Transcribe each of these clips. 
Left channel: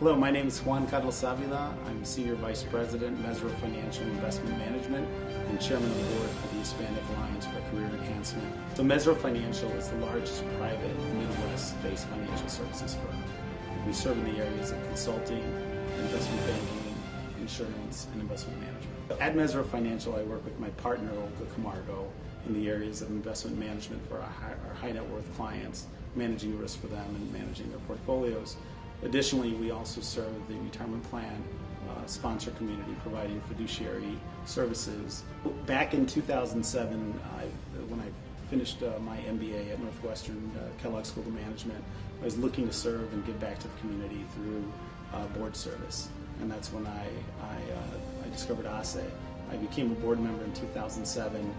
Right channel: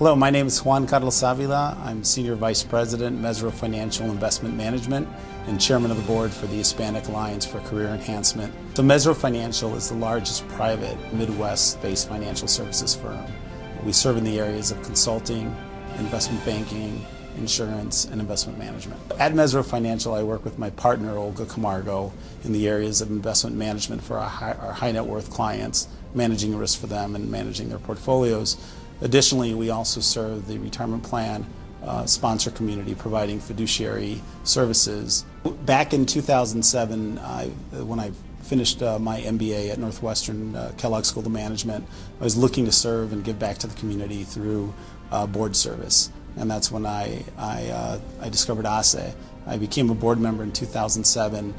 Hello, my name is Juan Carlos Avila. I'm Senior Vice President, Mesro Financial Investment Management, and Chairman of the Board for the Hispanic Alliance for Career Enhancement. So Mesro Financial is the largest private Midwest-based financial services firm. We serve in the areas of consulting, investment banking, insurance, and investment management. At Mesro Financial, I work with my partner, Olga Camargo, in the areas of investment management for our high net worth clients, managing risk for them and managing their portfolios. Additionally, we also serve the retirement plan sponsor community, providing fiduciary services. Back in 2007, when I finished my MBA at Northwestern Kellogg School of Management, I was looking to serve and give back to the community through board service. And that's when I discovered ASE. I became a board member in 2007.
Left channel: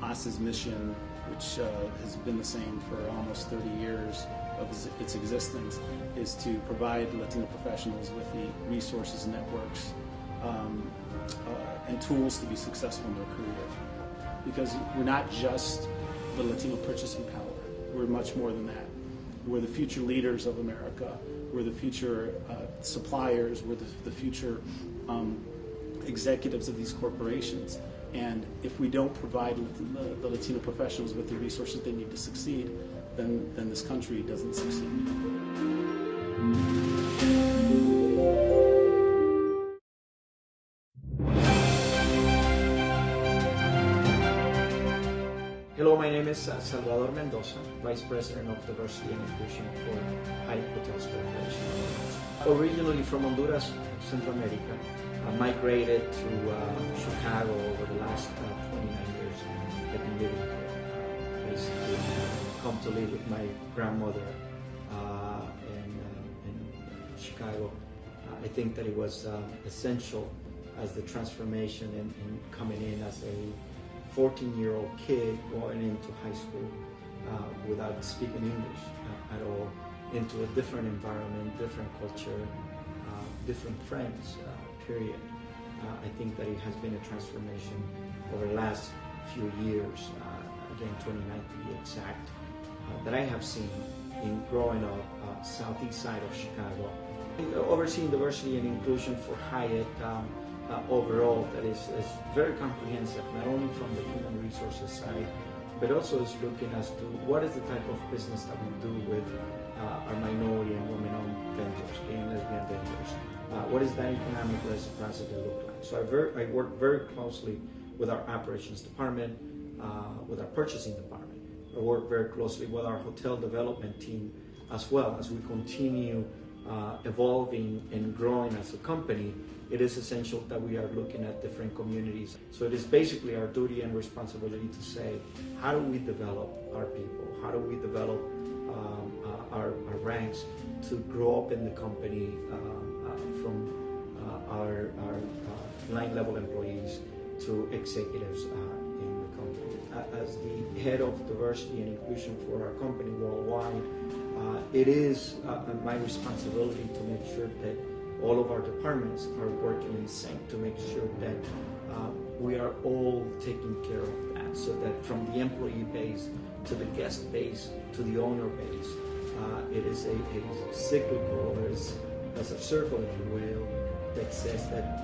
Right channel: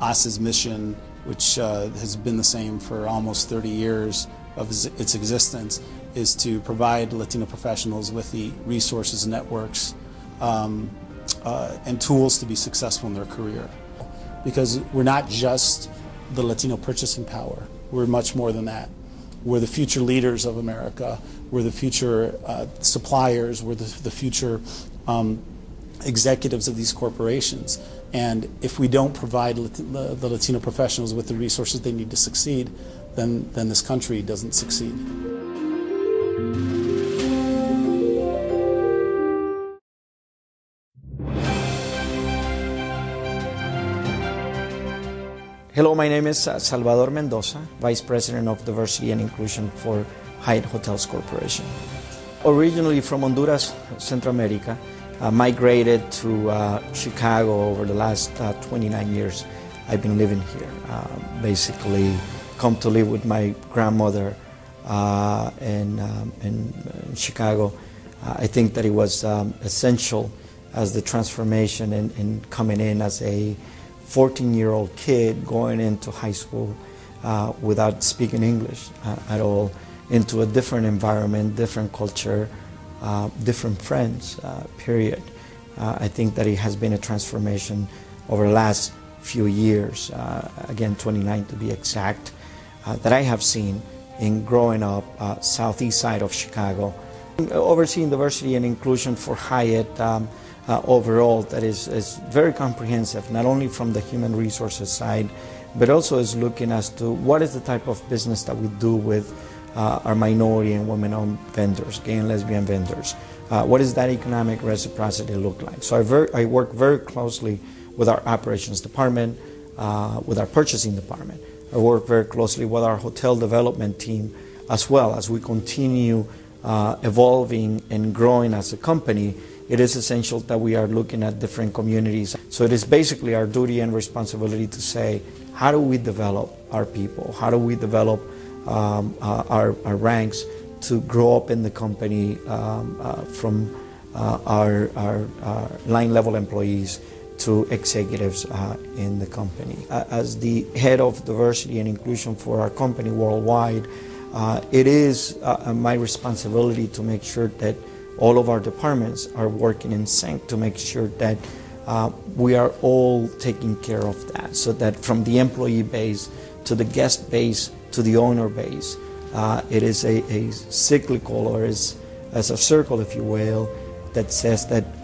ASE's mission, which has been the same for almost 30 years of its existence, is to provide Latino professionals with the resources, networks, and tools to be successful in their career. Because we're not just the Latino purchasing power, we're much more than that. We're the future leaders of America, we're the future suppliers, we're the future executives of these corporations. And if we don't provide the Latino professionals with the resources they need to succeed, then this country doesn't succeed. Hello, my name is Salvador Mendoza, Vice President of Diversity and Inclusion for Hyatt Hotels Corporation. Originally from Honduras, Central America, migrated to Chicago over the last 29 years. I've been living here. Basically, come to live with my grandmother in Chicago. I think that it was essential as the transformation in coming in as a 14-year-old kid going into high school without speaking English at all, into a different environment, different culture, different friends, period. I think that it has been a transformation over the last few years, again 29 to be exact, that I have seen in growing up southeast side of Chicago. Overseeing diversity and inclusion for Hyatt overall, that is very comprehensive, not only from the human resources side, but also is looking as to what is the type of business that we do with our minority and women-owned vendors, gay and lesbian vendors. What does that economic reciprocity look like? So I work very closely with our operations department, with our purchasing department. I work very closely with our hotel development team as well. As we continue evolving and growing as a company, it is essential that we are looking at different communities. So it is basically our duty and responsibility to say, how do we develop our people? How do we develop our ranks to grow up in the company from our line level employees to executives in the company. As the head of diversity and inclusion for our company worldwide, it is my responsibility to make sure that all of our departments are working in sync to make sure that we are all taking care of that, so that from the employee base to the guest base to the owner base, it is a cyclical, or as a circle, if you will, that says that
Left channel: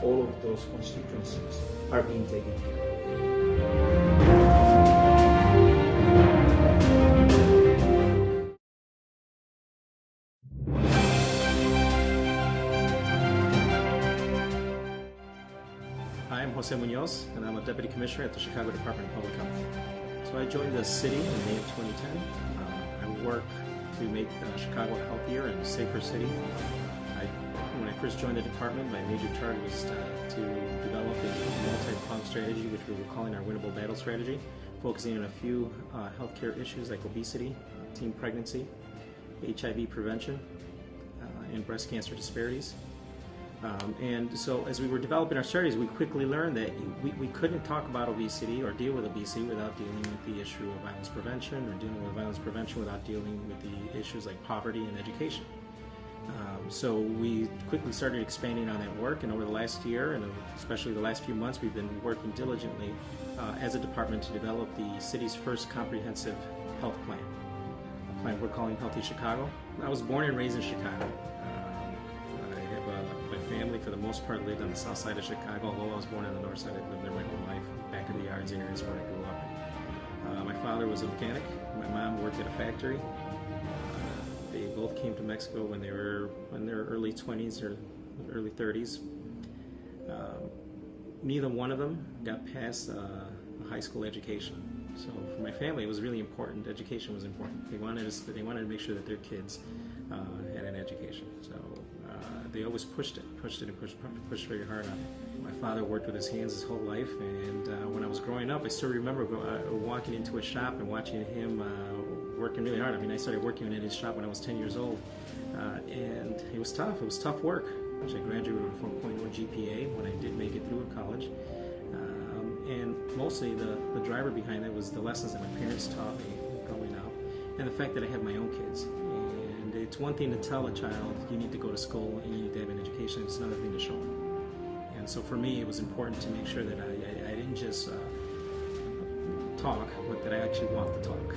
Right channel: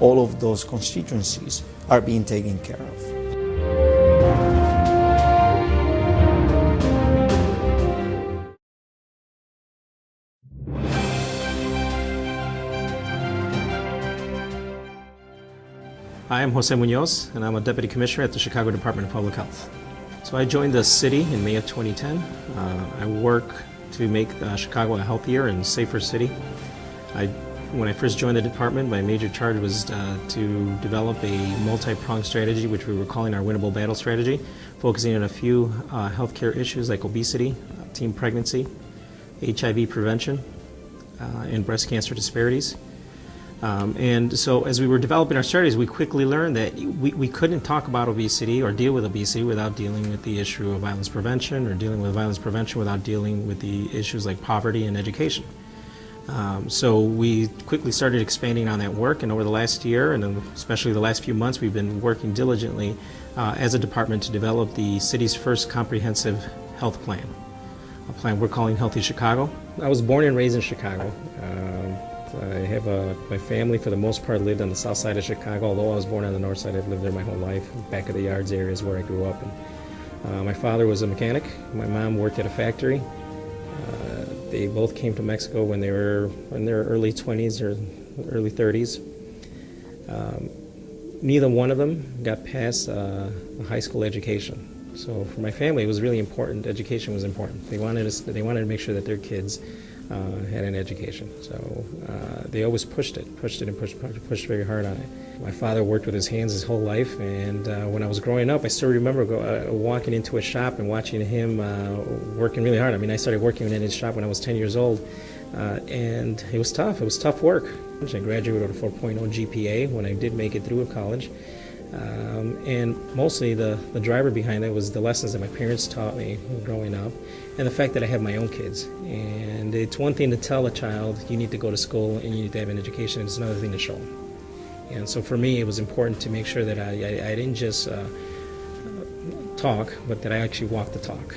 all of those constituencies are being taken care of. I am Jose Munoz, and I'm a Deputy Commissioner at the Chicago Department of Public Health. So I joined the city in May of 2010. I work to make Chicago a healthier and safer city. When I first joined the department, my major charge was to develop a multi-pronged strategy, which we were calling our Winnable Battle Strategy, focusing on a few healthcare issues like obesity, teen pregnancy, HIV prevention, and breast cancer disparities. And so as we were developing our strategies, we quickly learned that we couldn't talk about obesity or deal with obesity without dealing with the issue of violence prevention, or dealing with violence prevention without dealing with the issues like poverty and education. So we quickly started expanding on that work, and over the last year, and especially the last few months, we've been working diligently as a department to develop the city's first comprehensive health plan, a plan we're calling Healthy Chicago. I was born and raised in Chicago. I have my family, for the most part, lived on the south side of Chicago. Although I was born on the north side, I've lived there my whole life. Back of the yards area is where I grew up. My father was a mechanic. My mom worked at a factory. They both came to Mexico when they were in their early 20s or early 30s. Neither one of them got past a high school education. So for my family, it was really important. Education was important. They wanted to make sure that their kids had an education. So they always pushed very hard on it. My father worked with his hands his whole life, and when I was growing up, I still remember walking into a shop and watching him working really hard. I mean, I started working in his shop when I was 10 years old, and it was tough. It was tough work. I graduated with a 4.0 GPA when I did make it through college. And mostly the driver behind it was the lessons that my parents taught me growing up, and the fact that I have my own kids. And it's one thing to tell a child you need to go to school and you need to have an education, it's another thing to show them. And so for me, it was important to make sure that I didn't just talk, but that I actually walked the talk.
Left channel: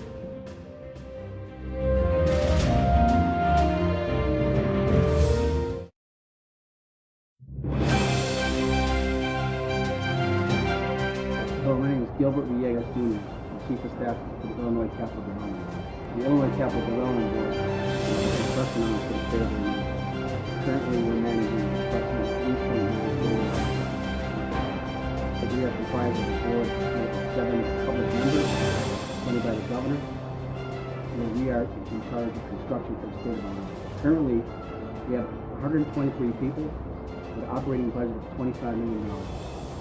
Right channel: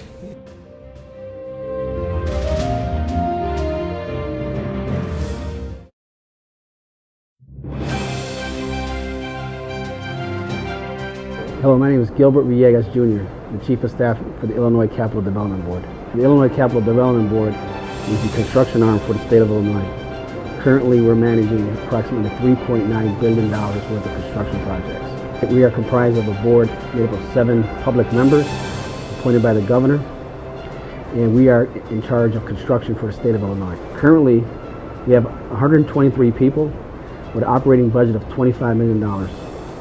Hello, my name is Gilbert Villegas Jr., the Chief of Staff for the Illinois Capital Development Board. The Illinois Capital Development Board is the construction arm for the state of Illinois. Currently, we're managing approximately $3.9 billion worth of construction projects. We are comprised of a board made up of 7 public members appointed by the governor, and we are in charge of construction for the state of Illinois. Currently, we have 123 people with an operating budget of $25 million.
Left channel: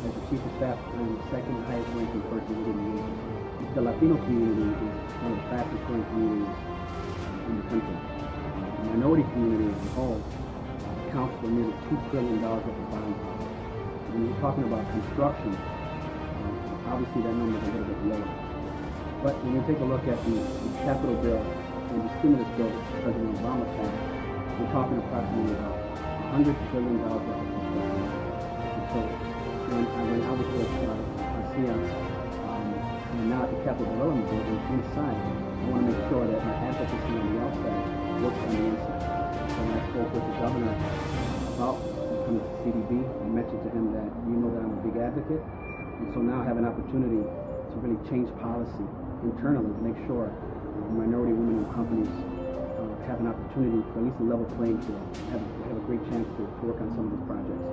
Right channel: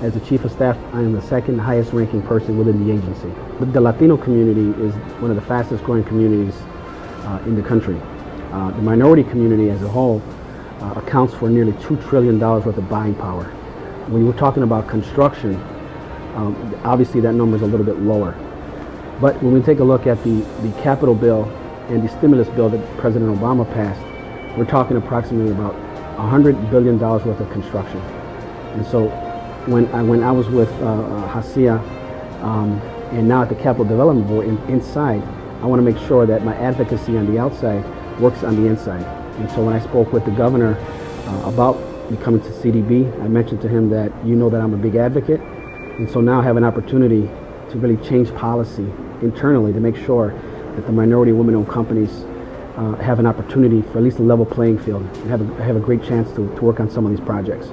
As the Chief of Staff, I am the second highest ranking person within the agency. But the Latino community is one of the fastest growing communities in the country. The minority community as a whole accounts for nearly $2 trillion worth of buying power. When we're talking about construction, obviously that number is a little bit lower. But when we take a look at the capital bill and the stimulus bill that President Obama passed, we're talking approximately about $100 billion worth of construction. And so when I was with HACIA and now at the Capital Development Board inside, I want to make sure that my advocacy on the outside works on the inside. And so when I spoke with the governor about me coming to CDB, I mentioned to him that that I'm a big advocate, and so now I have an opportunity to really change policy internally to make sure that the minority women-owned companies have an opportunity for at least a level playing field and have a great chance to work on some of these projects.